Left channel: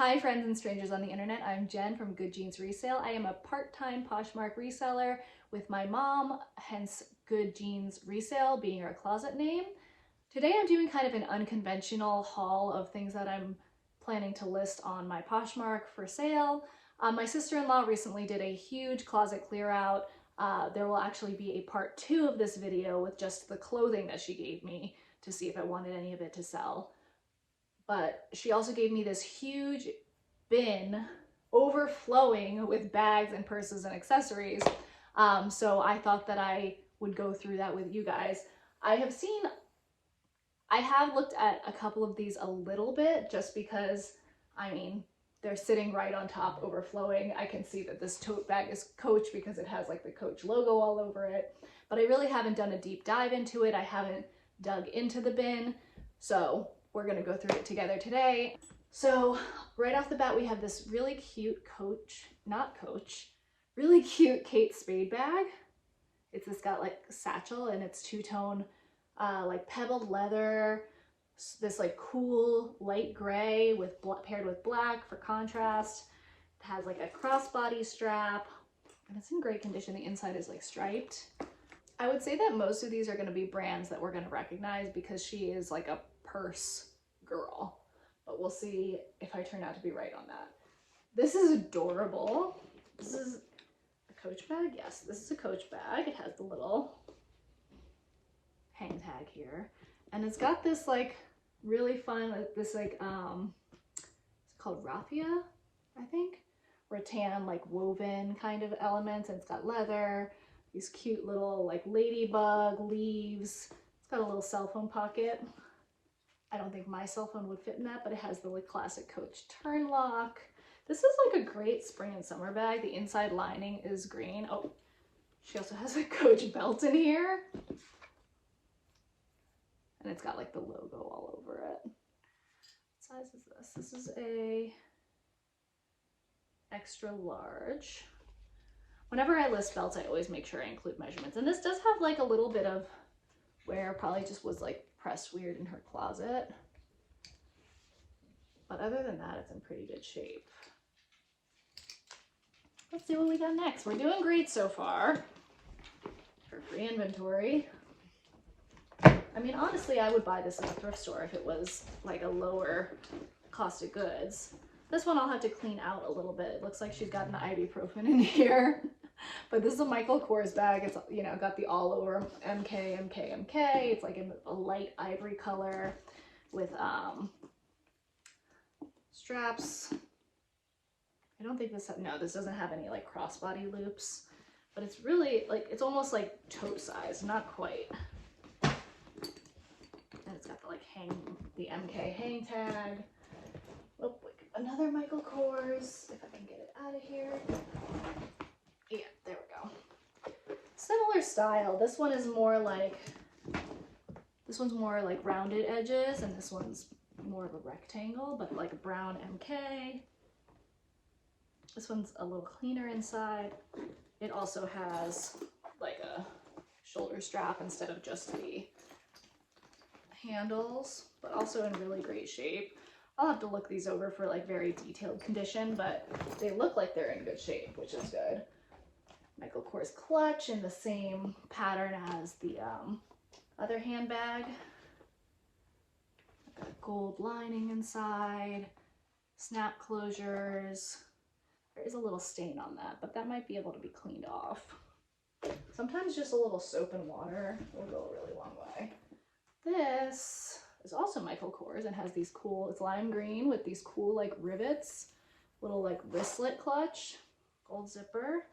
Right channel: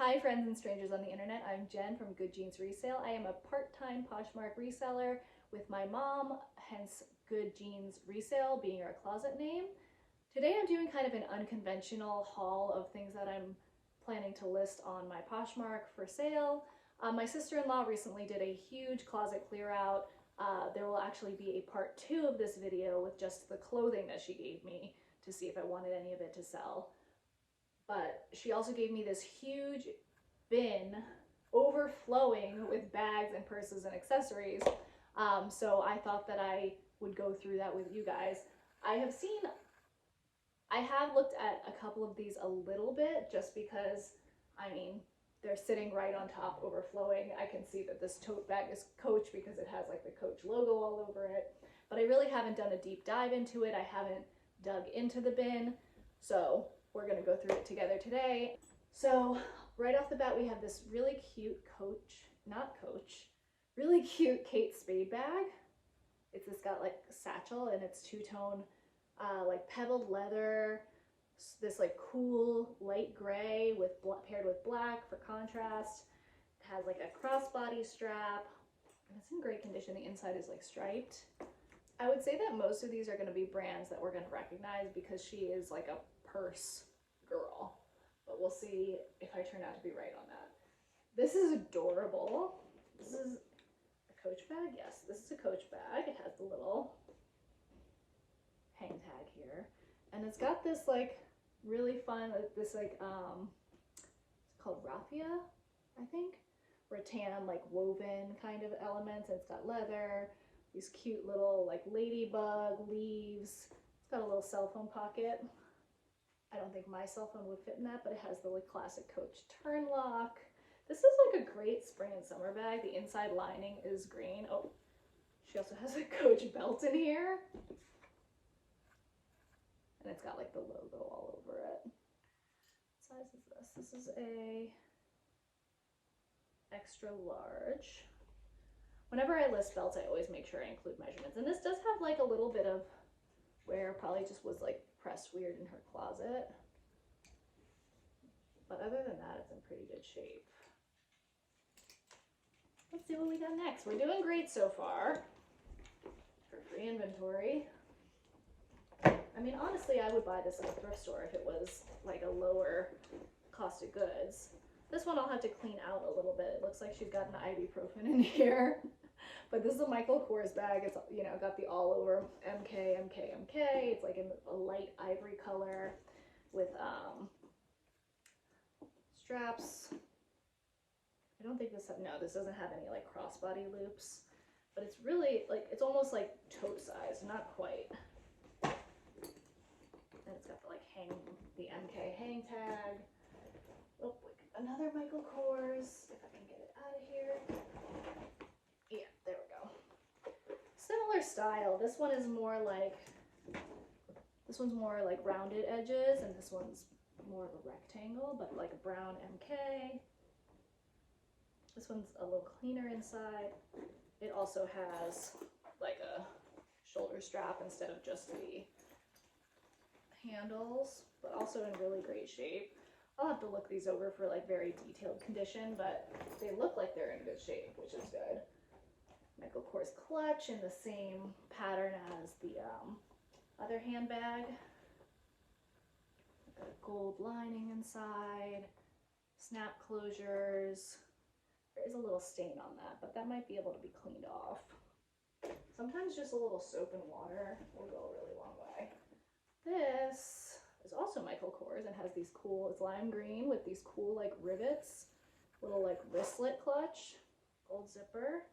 Hi friends and strangers on the internet, I'm Jen from Good Jeans Resale. I am a part-time Poshmark reseller with my mom, hence Good Jeans Resale being our closet name. Today I'm doing kind of an unconventional haul of things that I'm planning to list on my Poshmark for sale. My sister-in-law recently did a huge closet clear out. There will actually be a part 2 of this video with just the clothing that she gave me to see if I wanted any of it to sell. But she also gave me this huge bin overflowing with bags and purses and accessories. So I thought that I would go through that with you guys. I have looked at a couple of these a little bit just because, I mean, they're sitting right on top overflowing. I can see that this tote bag is Coach because it has like the Coach logo all over it, but I really haven't done a deep dive into it. I haven't dug into the bin. So we're gonna go through it together today. So right off the bat, we have this really cute really cute Kate Spade bag. It's got like satchel and it's two-tone like pebbled leather, this like cool light gray with paired with black for contrast. It has like a crossbody strap and it's in great condition. The inside is like striped. I would say that most of these are going to be brands that we're going to recognize because she is like a purse girl, but we'll see if I turn out to be right on that. This is adorable. This is a Coach bag. Yes, this is a Coach bag. It has the little hang tag here and it's got this like really fun, this like it's called raffia, I think, rattan like woven kind of elements, and it's got leather, these cute little like ladybug leaves. It's got a little cell phone pocket. I don't think my cell phone would fit in that, but it has the like classic Coach turn lock. This is like a great spring and summer bag. The inside lining is green. Oh, she also has a Coach belt in here. And it's got like the logo all over it. What size is this? This is a extra large. Whenever I list belts, I always make sure I include measurements. And this does have like a little bit of wear, probably just was like pressed weird in her closet. But other than that, it's in pretty good shape. Let's see what we got next. We're doing great so far for free inventory. I mean, honestly, I would buy this at a thrift store if it was like a lower cost of goods. This one I'll have to clean out a little bit. It looks like she's got an ibuprofen in here. But this is a Michael Kors bag. It's, you know, got the all over MK. It's like in a light ivory color with straps. I don't think this, no, this doesn't have any like crossbody loops, but it's really like, it's almost like tote size, not quite. And it's got the like the MK hang tag. Oh, another Michael Kors, if I can get it out of here. Yeah, there we go. Similar style. This one is more like, this one's more like rounded edges, and this one's more of a rectangle, but like a brown MK. This one's a little cleaner inside. It also has like a shoulder strap instead of just the handles, but also in really great shape. I'll have to look these over for like very detailed condition, but they look like they're in good shape, which is good. Michael Kors clutch in the same pattern as the other handbag. Got a gold lining inside, snap closures. There is a little stain on that, but that might be able to be cleaned off. Sometimes just a little soap and water will go a really long way. This is also Michael Kors and has these cool, it's lime green with these cool like rivets, little like wristlet clutch, gold zipper.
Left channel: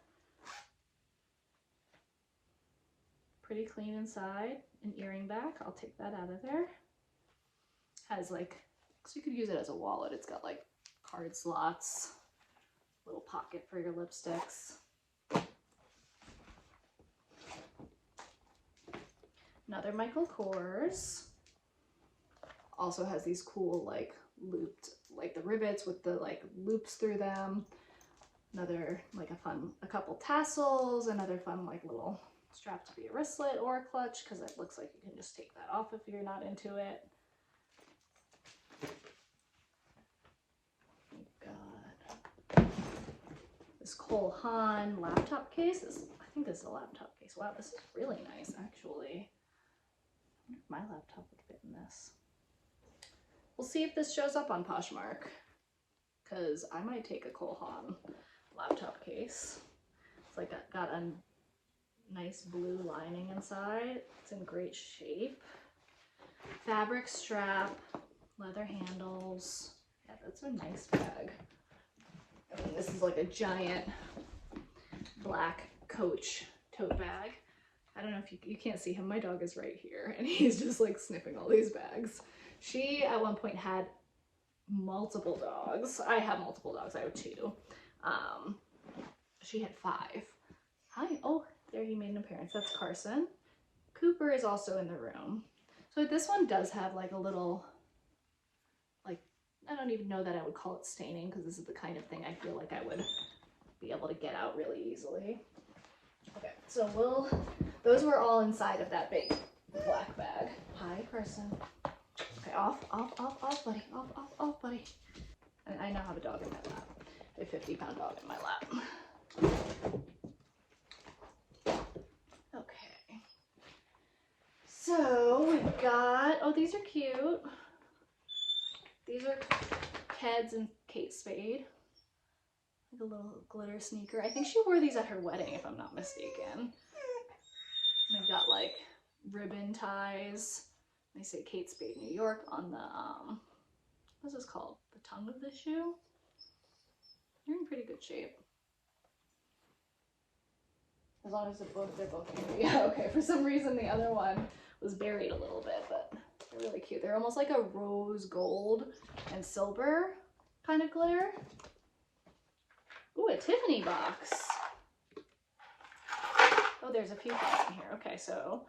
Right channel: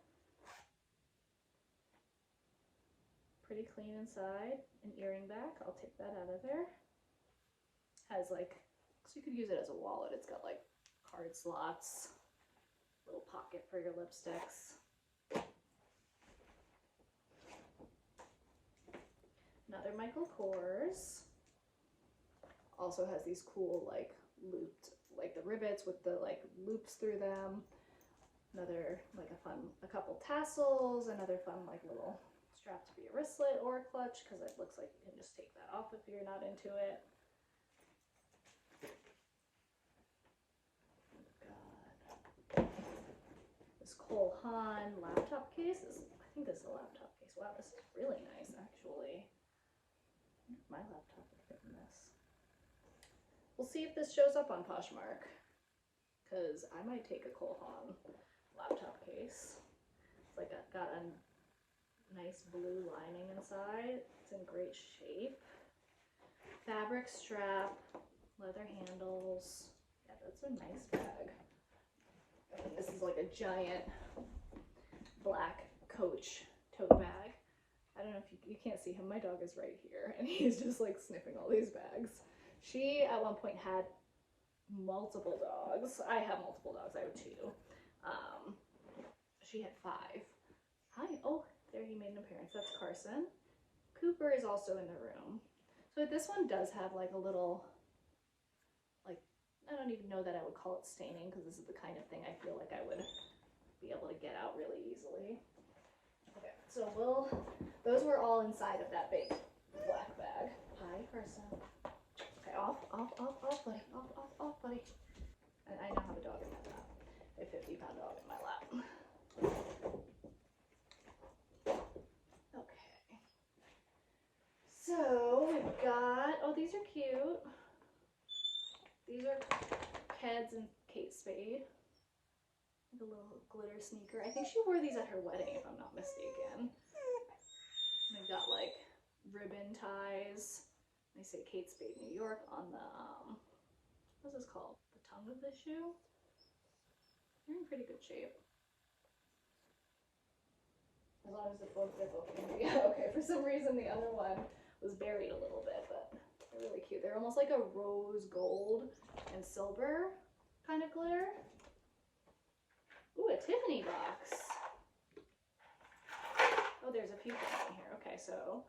Pretty clean inside, an earring back, I'll take that out of there. Has like, so you could use it as a wallet. It's got like card slots, little pocket for your lipsticks. Another Michael Kors. Also has these cool like looped, like the rivets with the like loops through them. Another like a couple tassels, another fun like little strap to be a wristlet or a clutch, because it looks like you can just take that off if you're not into it. This Cole Haan laptop case. I think this is a laptop case. Wow, this is really nice, actually. I wonder if my laptop would fit in this. We'll see if this shows up on Poshmark, because I might take a Cole Haan laptop case. It's like got a nice blue lining inside. It's in great shape. Fabric strap, leather handles. Yeah, that's a nice bag. I mean, this is like a giant black Coach tote bag. I don't know if you can't see him. My dog is right here and he's just like sniffing all these bags. She at one point had multiple dogs. I have multiple dogs. I have 2. She had 5. Hi. Oh, there he made an appearance. That's Carson. Cooper is also in the room. So this one does have like a little, like, I don't even know that I would call it staining, because this is the kind of thing I feel like I would be able to get out really easily. Okay, so those were all inside of that big black bag. Hi, Carson. Okay, off, buddy. Off, buddy. I now have a dog in my lap. A 50-pound dog in my lap. Okay. So we've got, oh, these are cute. These are Keds and Kate Spade. Like a little glitter sneaker. I think she wore these at her wedding, if I'm not mistaken. And they've got like ribbon ties. They say Kate Spade, New York on the, what's this called? The tongue of the shoe? They're in pretty good shape. As long as they're both yeah, okay. For some reason the other one was buried a little bit, but they're really cute. They're almost like a rose gold and silver kind of glitter. Ooh, a Tiffany box. Oh, there's a few things in here. Okay, so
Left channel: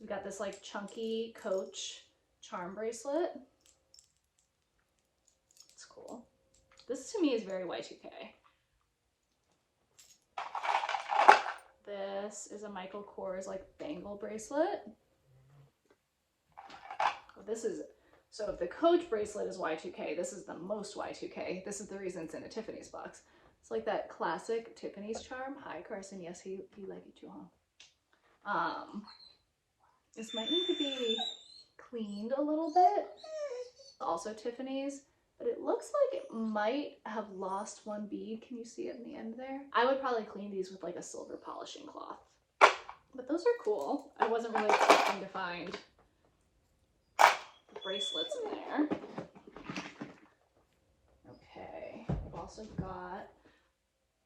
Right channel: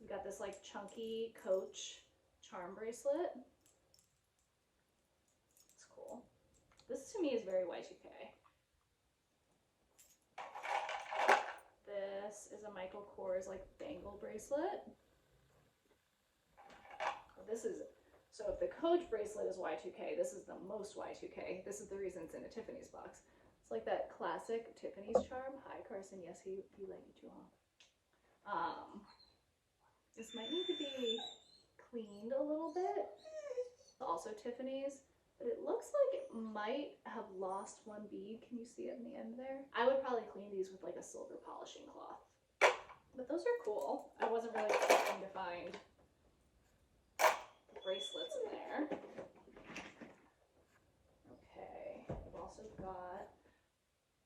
we've got this like chunky Coach charm bracelet. It's cool. This to me is very Y2K. This is a Michael Kors like bangle bracelet. Oh, this is, so if the Coach bracelet is Y2K, this is the most Y2K. This is the reason it's in a Tiffany's box. It's like that classic Tiffany's charm. Hi, Carson. Yes, he like it too, huh? This might need to be cleaned a little bit. Also Tiffany's, but it looks like it might have lost one bead. Can you see it in the end there? I would probably clean these with like a silver polishing cloth. But those are cool. I wasn't really expecting to find the bracelets in there. Okay, I've also got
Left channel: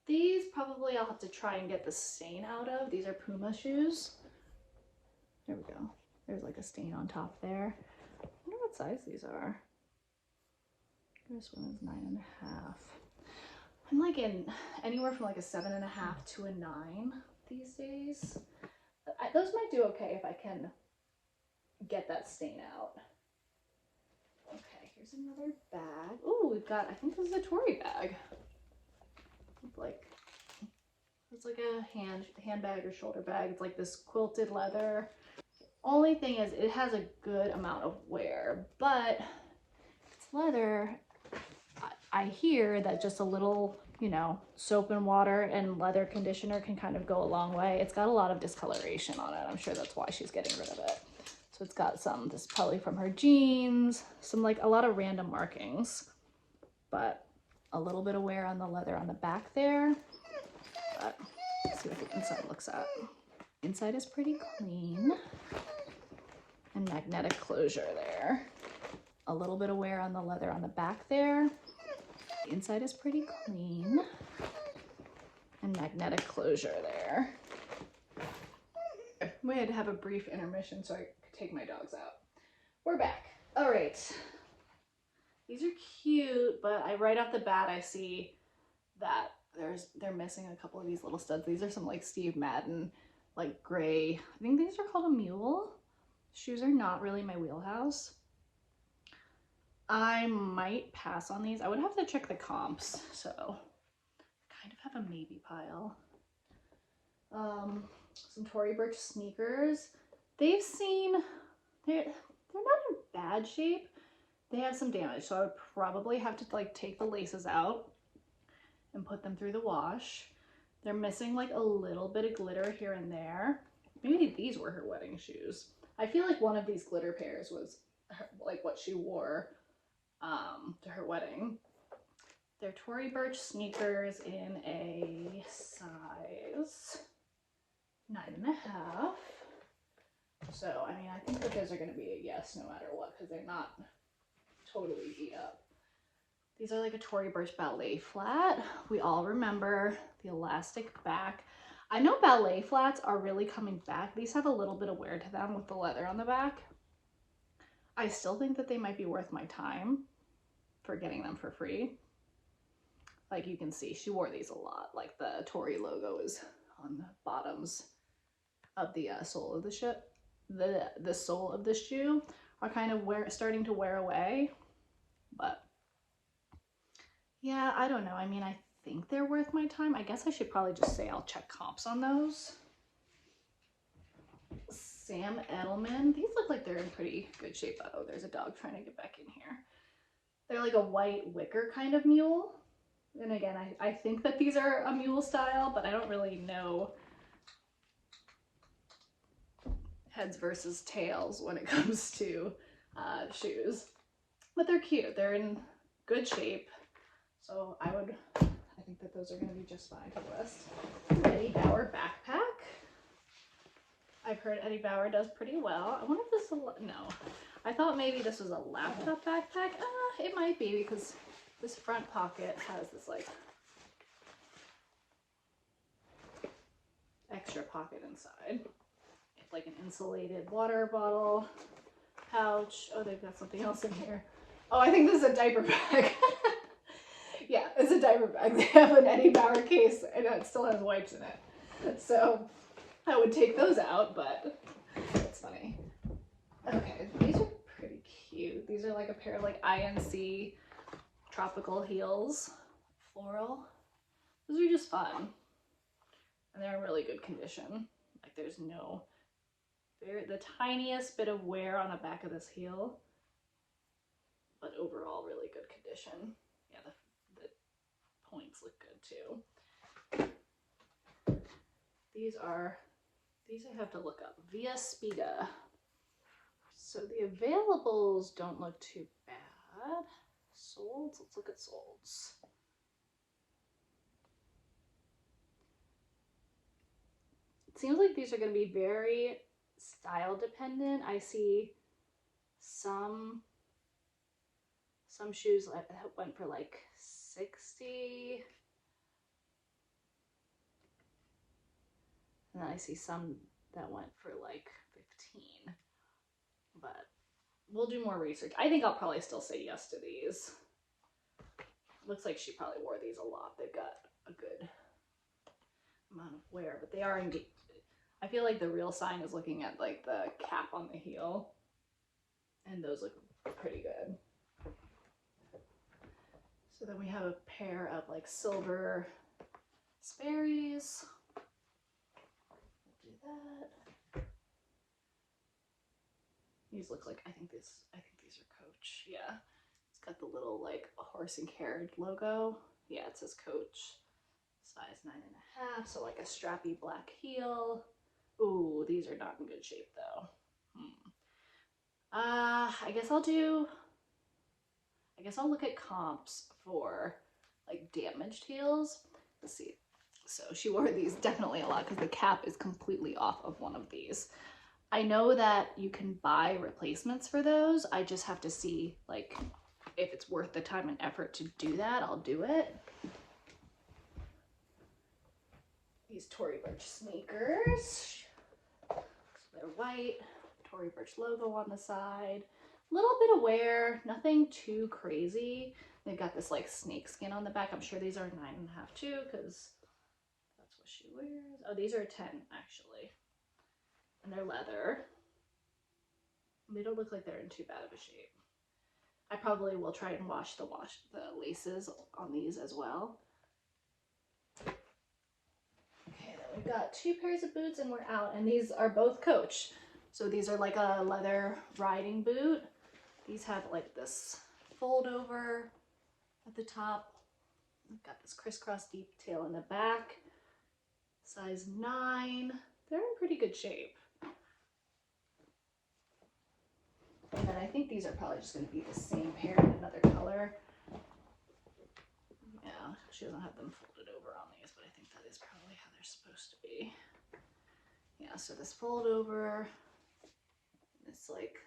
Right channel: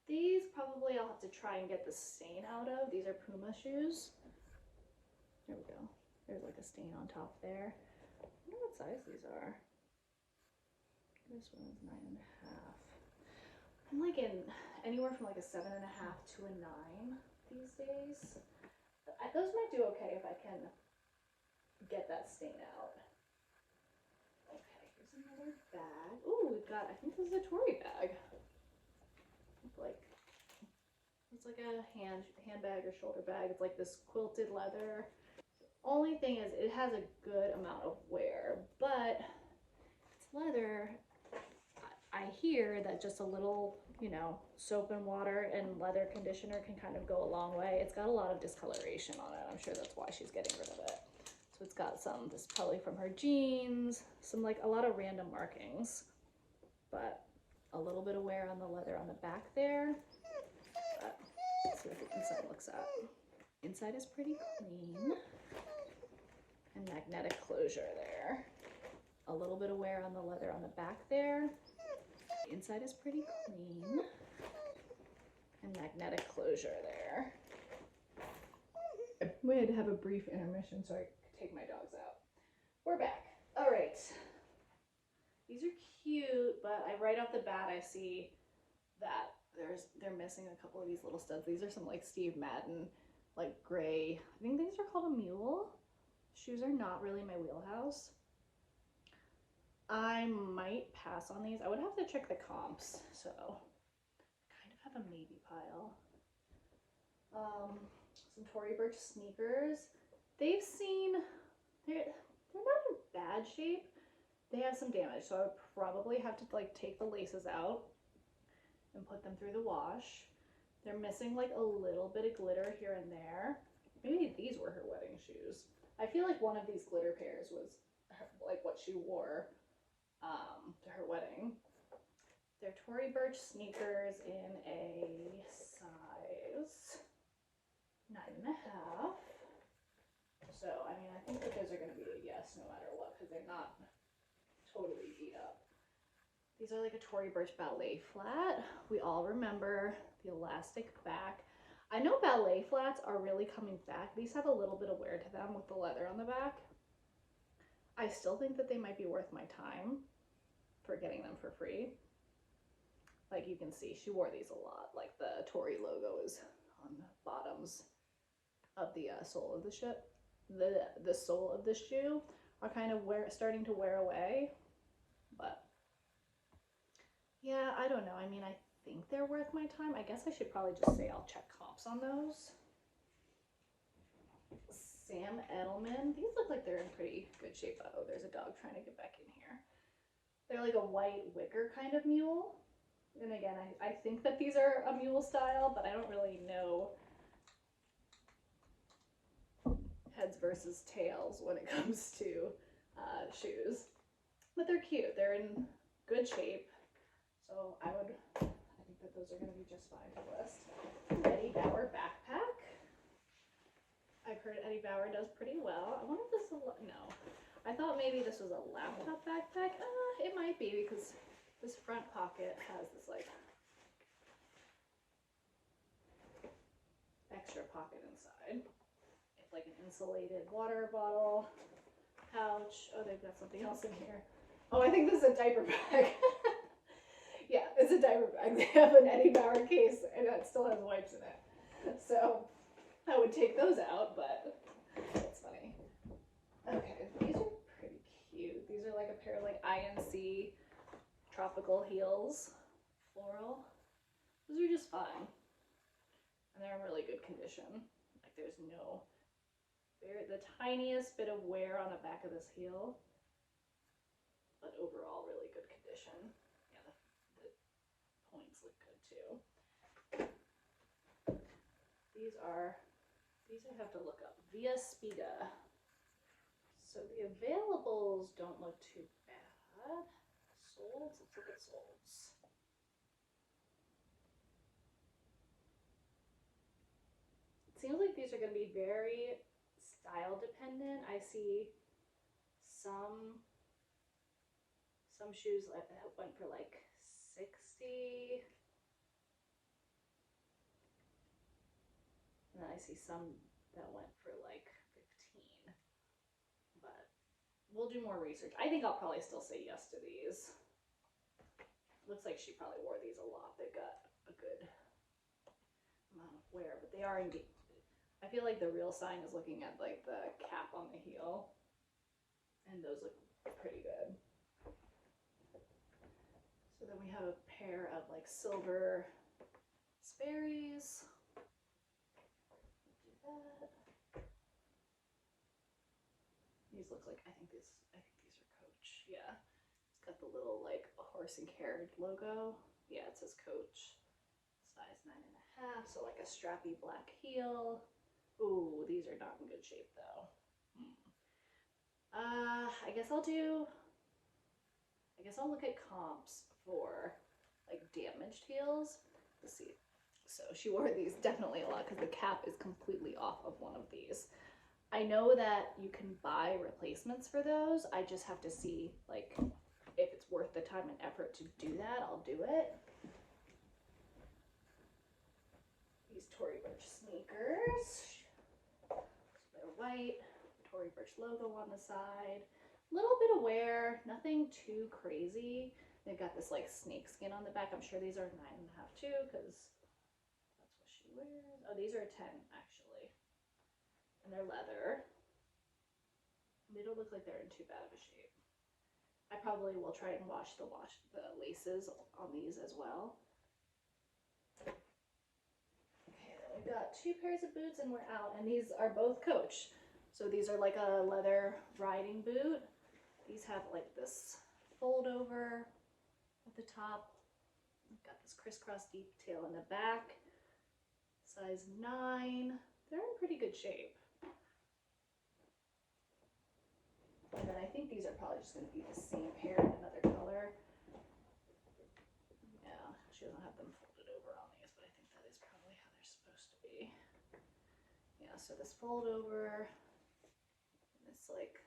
these. Probably I'll have to try and get the stain out of. These are Puma shoes. There we go. There's like a stain on top there. I wonder what size these are. This one is 9.5. I'm like in anywhere from like a 7.5 to a 9 these days. Those might do okay if I can get that stain out. Okay, here's another bag. Ooh, we've got, I think this is a Tory bag. Like, it's like a handbag or shoulder bag. It's like this quilted leather. Only thing is it has a good amount of wear, but it's leather. I hear that just a little, you know, soap and water and leather conditioner can kind of go a long way. It's got a lot of discoloration on it. I'm sure that's why she's getting rid of it. So it's got some, this is probably from her jeans, some like a lot of random markings, but a little bit of wear on the leather on the back there. But let's see what the inside looks at. Inside is pretty clean and magnetic closure there. A little bit of wear on the leather on the back there. The inside is pretty clean and magnetic closure there. We had to have a brief intermission so I could take my dogs out. We're back. All right. These are cute, but right off the bat I see that they're missing a couple of these little studs. These are some like Steve Madden, like gray. I think these are called a mule. Shoes are not really my wheelhouse. I might pass on these. I would have to check the comps, so I kind of have a maybe pile. Some Tory Burch sneakers. They've seen, they're not in bad shape. They have some damage, so I would probably have to like take the laces out and put them through the wash. They're missing like a little bit of glitter here and there. Maybe these were her wedding shoes. I feel like one of these glitter pairs was like what she wore to her wedding. They're Tory Burch sneakers in a size 9.5. So, I mean, I think that those are going to be a yes no matter what, because they're not totally beat up. These are like a Tory Burch ballet flat. We all remember the elastic back. I know ballet flats are really coming back. These have a little bit of wear to them with the leather on the back. I still think that they might be worth my time for getting them for free. Like you can see, she wore these a lot. Like the Tory logo is on the bottoms of the sole of the shoe. The sole of the shoe are kind of starting to wear away, but yeah, I don't know. I mean, I think they're worth my time. I guess I should probably just say I'll check comps on those. Sam Edelman. These look like they're in pretty good shape. Oh, there's a dog trying to get back in here. They're like a white wicker kind of mule. And again, I think that these are a mule style, but I don't really know heads versus tails when it comes to shoes. But they're cute. They're in good shape. So I think that those are going to be just fine for the rest. Eddie Bauer backpack. I've heard Eddie Bauer does pretty well. I wonder if this is no. I thought maybe this was a laptop backpack. It might be because this front pocket has this like extra pocket inside. It's like an insulated water bottle pouch. Oh, they've got something else in here. Oh, I think this is a diaper bag. Yeah, it's a diaper bag. They have an Eddie Bauer case and it still has wipes in it. So I would take those out, but it's funny. Okay, these are pretty cute. These are like a pair of like INC tropical heels, floral. Those are just fun. And they're in really good condition. Like there's no, the tiniest bit of wear on the back of this heel, but overall really good condition. Yeah, the points look good too. These I have to look up. Via Spida. So the availables don't look too bad. Solds, let's look at solds. It seems like these are going to be very style dependent. I see some shoes that went for like 60. And then I see some that went for like 15. But we'll do more research. I think I'll probably still say yes to these. Looks like she probably wore these a lot. They've got a good amount of wear, but they are indeed. I feel like the real sign is looking at like the cap on the heel, and those look pretty good. So then we have a pair of like silver Sperry's. We'll do that. These look like, I think these are Coach. Yeah. It's got the little like horse and carriage logo. Yeah, it says Coach. Size 9.5. So like a strappy black heel. Ooh, these are not in good shape though. I guess I'll look at comps for like damaged heels. Let's see. So she wore these definitely a lot because the cap is completely off of one of these. I know that you can buy replacements for those. I just have to see like if it's worth the time and effort to do that. I'll do it. These Tory Burch sneakers. So they're white. Tory Burch logo on the side. A little bit of wear, nothing too crazy. They've got this like snake skin on the back. I'm sure these are 9.5 too, because that's what she wears. Oh, these are 10 actually. And they're leather. They don't look like they're in too bad of a shape. I probably will try and wash the laces on these as well. Okay, then we've got 2 pairs of boots and we're out. And these are both Coach. So these are like a leather riding boot. These have like this fold over at the top I've got this crisscross detail in the back. Size 9. They're in pretty good shape. And then I think these are probably just going to be the same pair in another color. Yeah, she doesn't have them folded over on these, but I think that is probably how they're supposed to be. Yeah, so this fold over, it's like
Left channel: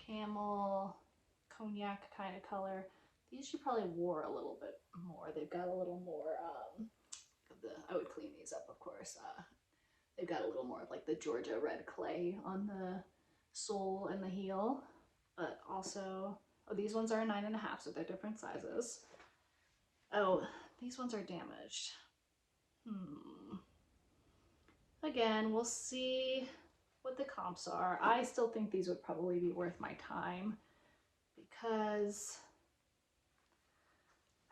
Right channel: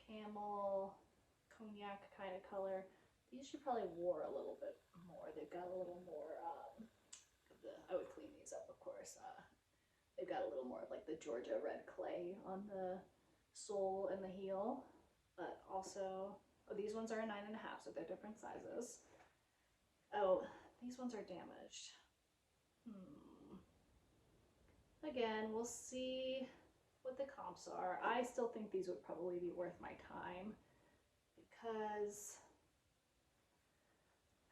camel, cognac kind of color. These she probably wore a little bit more. They've got a little more I would clean these up, of course. They've got a little more of like the Georgia red clay on the sole and the heel, but also, oh, these ones are a 9.5, so they're different sizes. Oh, these ones are damaged. Again, we'll see what the comps are. I still think these would probably be worth my time because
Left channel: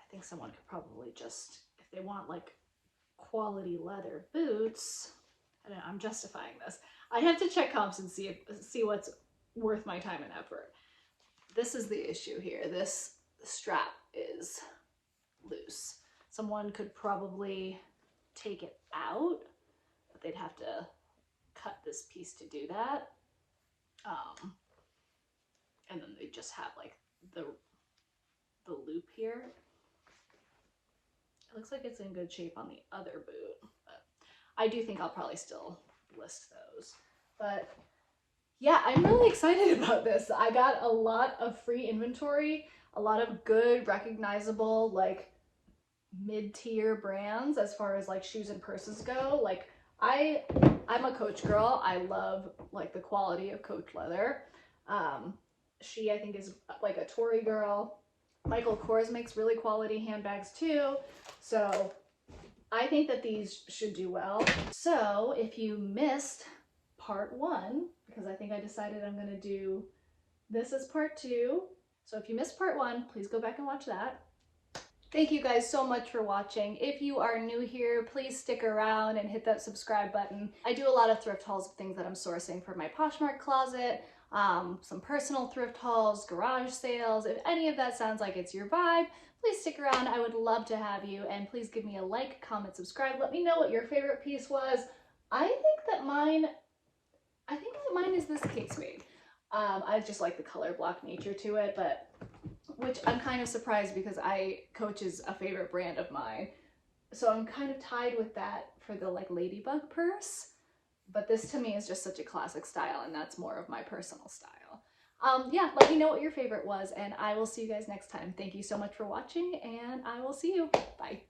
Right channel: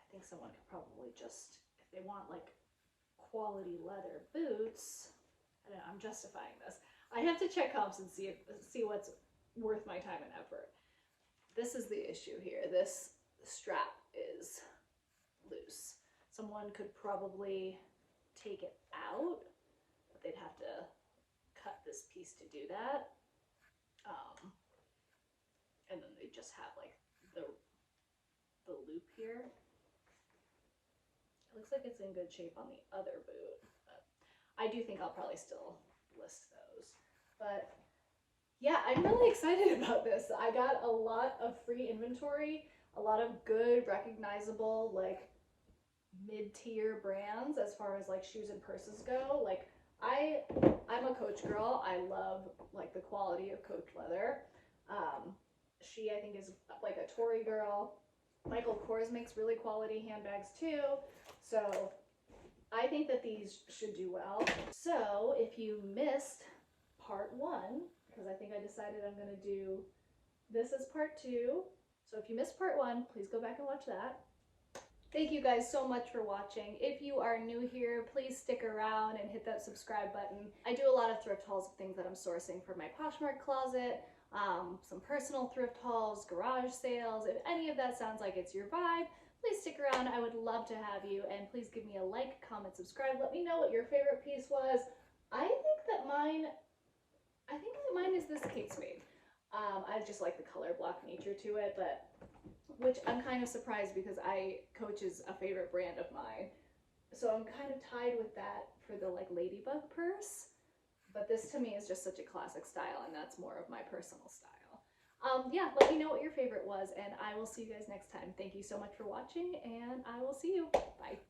I think someone could probably just, if they want like quality leather boots, I don't know, I'm justifying this. I have to check comps and see what's worth my time and effort. This is the issue here. This strap is loose. Someone could probably take it out, but they'd have to cut this piece to do that. And then they just have like the loop here. It looks like it's in good shape on the other boot, but I do think I'll probably still list those. But yeah, I'm really excited about this. I got a lot of free inventory, a lot of good, recognizable, like mid-tier brands as far as like shoes and purses go. Like I'm a Coach girl. I love like the quality of Coach leather. She, I think, is like a Tory girl. Michael Kors makes really quality handbags too. So I think that these should do well. So if you missed part 1, because I think I decided I'm going to do this as part 2. So if you missed part 1, please go back and watch that. Thank you guys so much for watching. If you are new here, please stick around and hit that subscribe button. I do a lot of thrift hauls of things that I'm sourcing for my Poshmark closet, some personal thrift hauls, garage sales. If any of that sounds like it's your vibe, please stick around. I would love to have you, and please give me a like, comment, subscribe. Let me know what your favorite piece was. I think that mine is this Kate Spade. I just like the color block nature to it, but which I'm kind of surprised because Coach is a favorite brand of mine. So I'm kind of tied with that for the like ladybug purse. But this to me is just such a classic style, and that's more of my personal style. Yeah, let me know what your favorite was, and I will see you guys next time. Thank you so much for watching, and I will see you. Bye.